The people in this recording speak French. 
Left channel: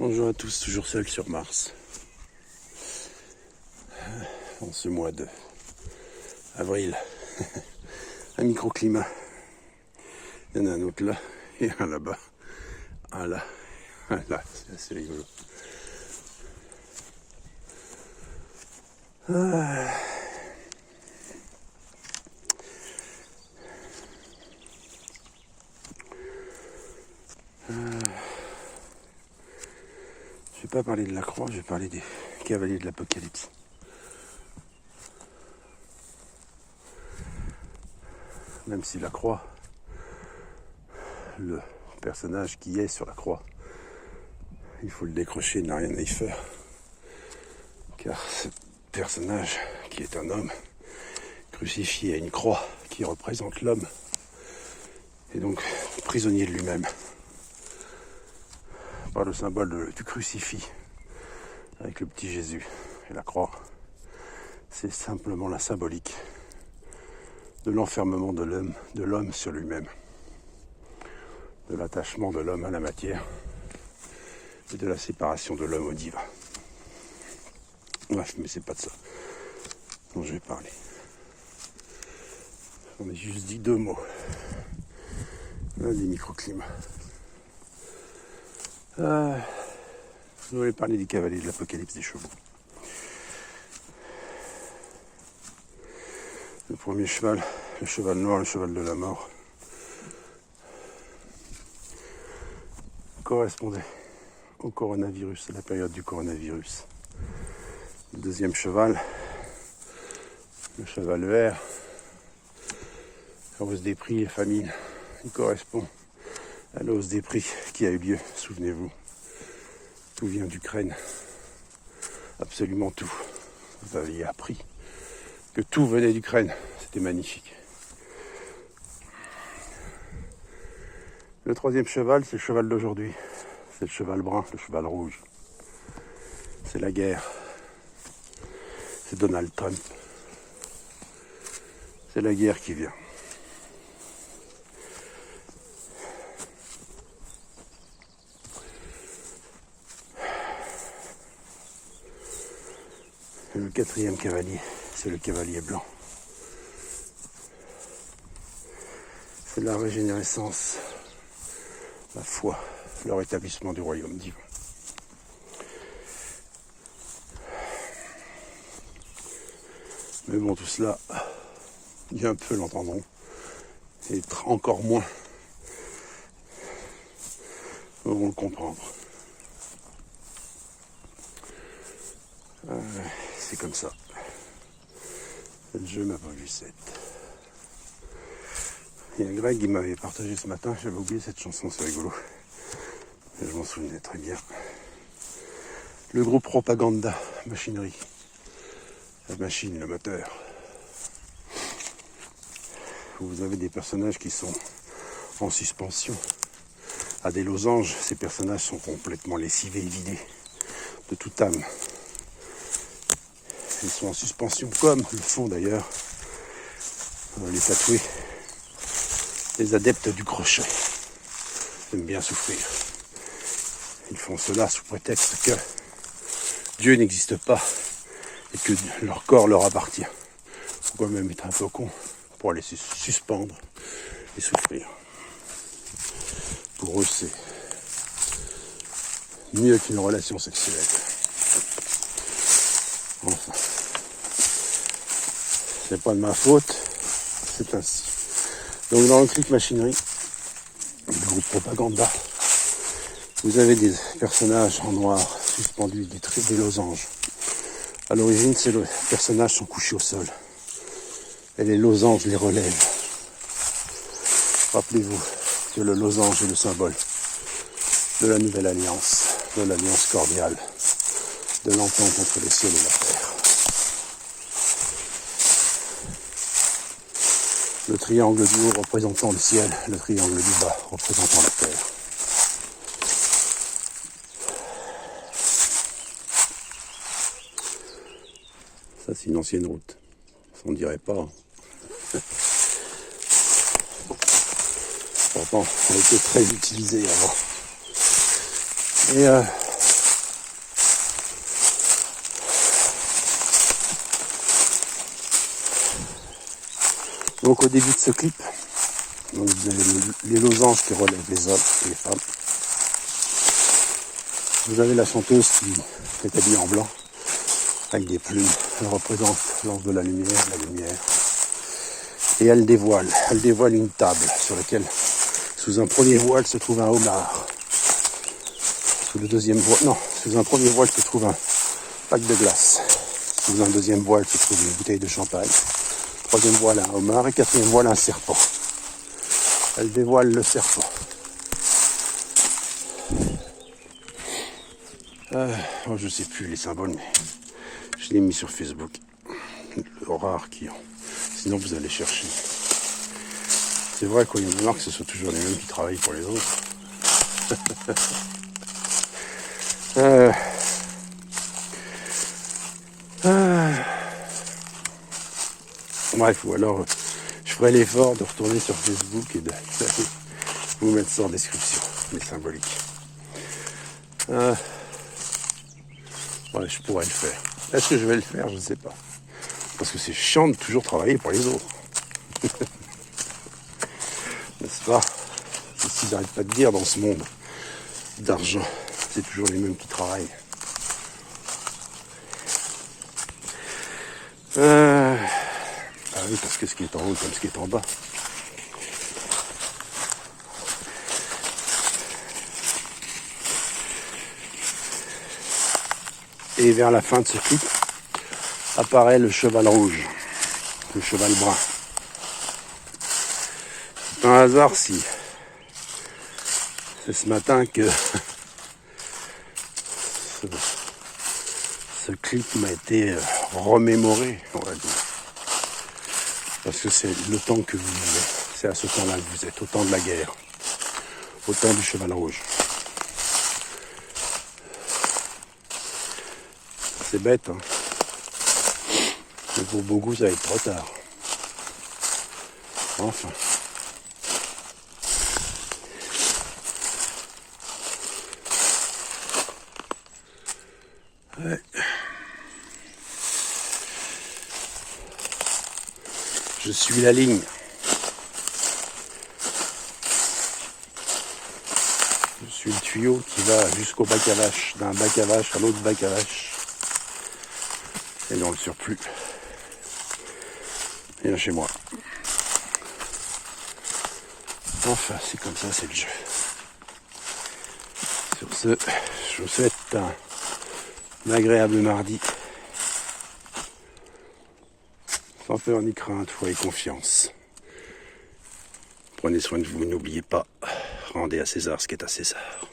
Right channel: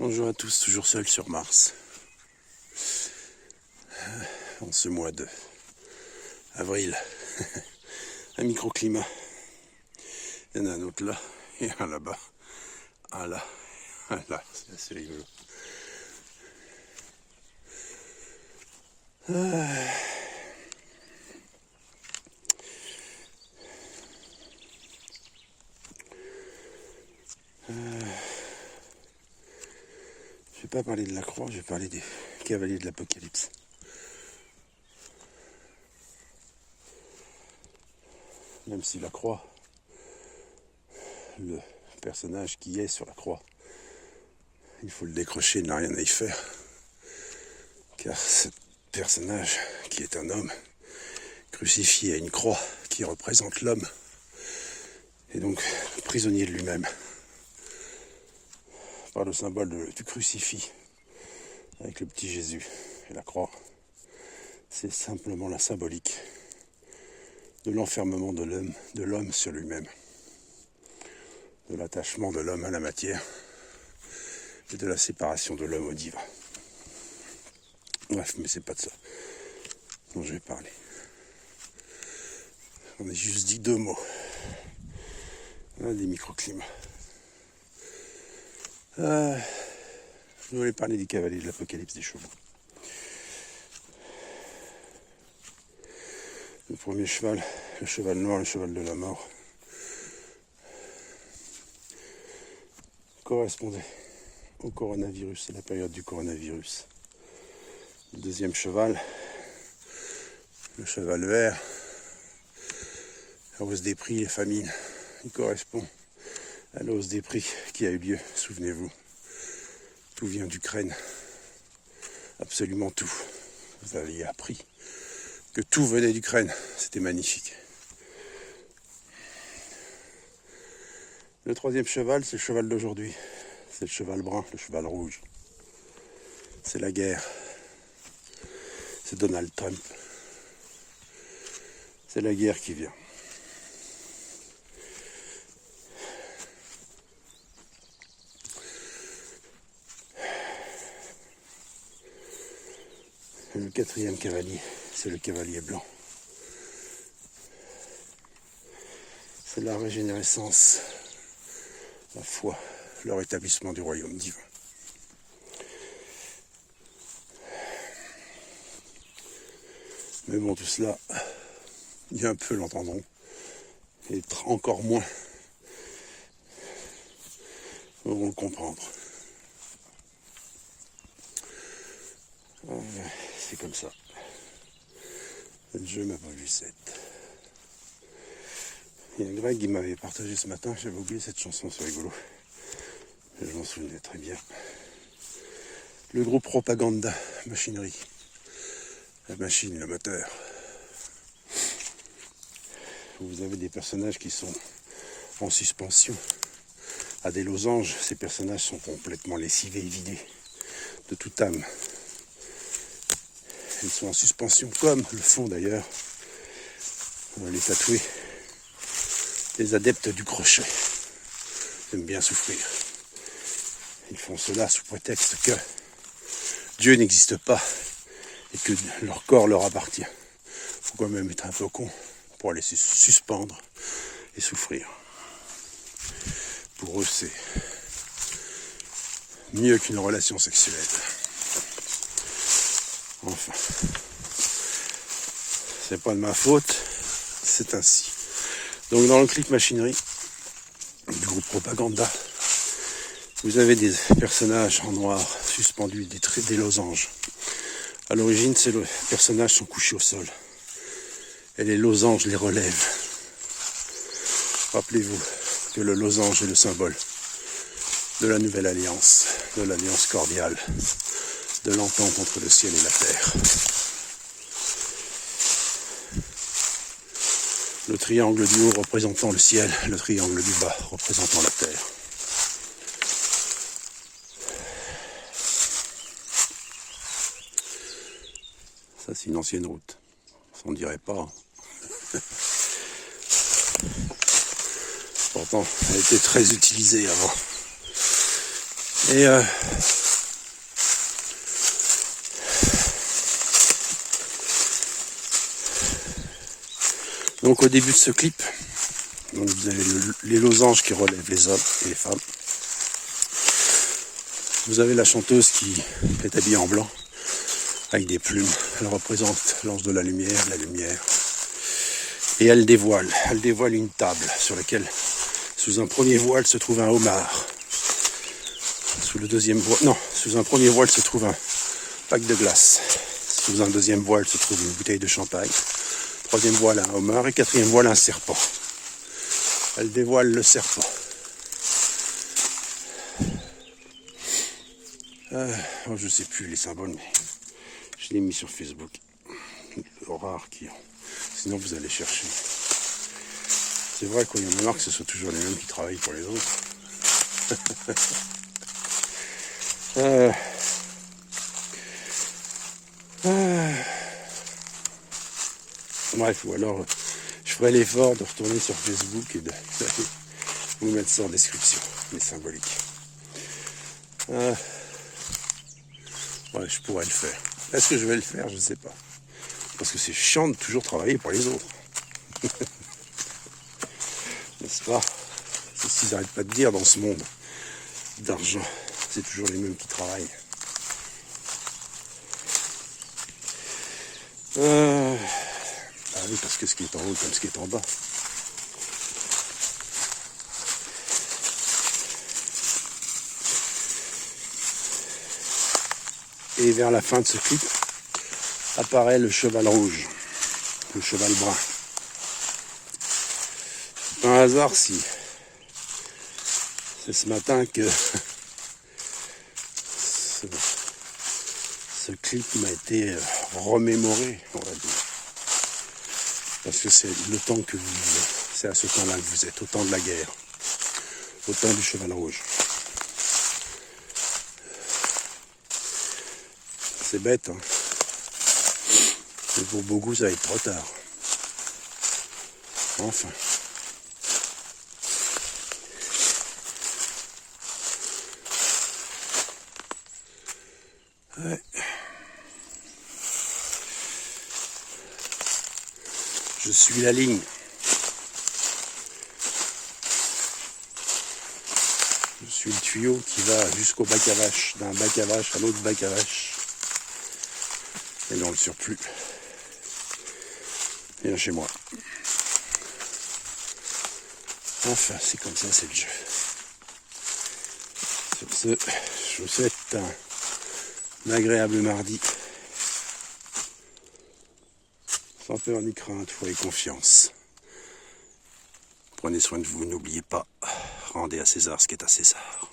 Bonjour à tous, toujours seul sur Mars. En ce mois de avril, un microclimat. Il y en a un autre là, et un là-bas. Un là, un là, c'est assez rigolo. Je vais pas parler de la croix, je vais parler des cavaliers de l'Apocalypse. Même si la croix, le personnage qui est sur la croix, il faut le décrocher, il n'a rien à y faire. Car ce personnage, qui est un homme, crucifié à une croix qui représente l'homme, est donc prisonnier de lui-même. Par le symbole du crucifix, avec le petit Jésus et la croix. C'est simplement la symbolique de l'enfermement de l'homme sur lui-même, de l'attachement de l'homme à la matière et de la séparation de l'homme au divin. Bref, mais c'est pas de ça dont je vais parler. On a juste dit deux mots. Des microclimats. Je voulais parler des cavaliers de l'Apocalypse des chevaux. Le premier cheval, le cheval noir, le cheval de la mort, correspondait au coronavirus, à la période du coronavirus. Le deuxième cheval, le cheval vert, la hausse des prix, la famine, il correspond à la hausse des prix qui a eu lieu, souvenez-vous. Tout vient d'Ukraine, absolument tout. Vous aviez appris que tout venait d'Ukraine, c'était magnifique. Le troisième cheval, c'est le cheval d'aujourd'hui. C'est le cheval brun, le cheval rouge. C'est la guerre. C'est Donald Trump. C'est la guerre qui vient. Et le quatrième cavalier, c'est le cavalier blanc. C'est la régénérescence, la foi, le rétablissement du royaume divin. Mais bon, tout cela, bien peu l'entendront, et encore moins vont le comprendre. C'est comme ça. Le jeu m'a pas vu 7. Il y a Greg qui m'avait partagé ce matin, j'avais oublié cette chanson, c'est rigolo. Mais je m'en souvenais très bien. Le groupe Propaganda, machinerie. La machine, le moteur. Vous avez des personnages qui sont en suspension à des losanges. Ces personnages sont complètement lessivés et vidés de toute âme. Ils sont en suspension comme le font d'ailleurs les tatoués, les adeptes du crochet. Ils aiment bien souffrir. Ils font cela sous prétexte que Dieu n'existe pas et que leur corps leur appartient. Il faut quand même être un peu con pour laisser suspendre et souffrir. Pour eux, c'est mieux qu'une relation sexuelle. Enfin, c'est pas de ma faute, c'est ainsi. Donc dans le clip machinerie, le groupe Propaganda, vous avez des personnages en noir suspendus, des losanges. À l'origine, c'est le personnage sont couchés au sol. Et les losanges les relèvent. Rappelez-vous que le losange est le symbole de la nouvelle alliance, de l'alliance cordiale, de l'entente entre le ciel et la terre. Le triangle du haut représentant le ciel, le triangle du bas représentant la terre. Ça, c'est une ancienne route. On ne dirait pas. Pourtant, elle a été très utilisée avant. Et donc au début de ce clip, donc vous avez les losanges qui relèvent les hommes et les femmes. Vous avez la chanteuse qui est habillée en blanc avec des plumes. Elle représente l'ange de la lumière. Et elle dévoile une table sur laquelle, sous un premier voile, se trouve un homard. Sous un premier voile se trouve un pack de glace. Sous un deuxième voile se trouve une bouteille de champagne. Troisième voile, un homard. Et quatrième voile, un serpent. Elle dévoile le serpent. Je sais plus les symboles, mais je l'ai mis sur Facebook. Rare qui ont. Sinon vous allez chercher. C'est vrai qu'il y en a marre que ce soit toujours les mêmes qui travaillent pour les autres. Bref, ou alors je ferai l'effort de retourner sur Facebook et de vous mettre ça en description, les symboliques. Ouais, je pourrais le faire. Est-ce que je vais le faire? Je ne sais pas. Parce que c'est chiant de toujours travailler pour les autres. N'est-ce pas? C'est ce qu'ils n'arrêtent pas de dire dans ce monde d'argent. C'est toujours les mêmes qui travaillent. Ah oui, parce que ce qui est en haut comme ce qui est en bas. Et vers la fin de ce clip, apparaît le cheval rouge, le cheval brun. C'est un hasard si c'est ce matin que ce clip m'a été remémoré, on va dire. Parce que c'est le temps que vous vivez, c'est à ce temps-là que vous êtes, au temps de la guerre, au temps du cheval rouge. C'est bête, hein. Mais pour beaucoup, ça va être trop tard. Enfin. Ouais. Je suis la ligne. Je suis le tuyau qui va jusqu'au bac à vache, d'un bac à vache à l'autre bac à vache. Et dans le surplus. Et chez moi. Enfin, c'est comme ça, c'est le jeu. Sur ce, je vous souhaite un agréable mardi. Sans peur ni crainte, foi et confiance. Prenez soin de vous, n'oubliez pas, rendez à César ce qui est à César.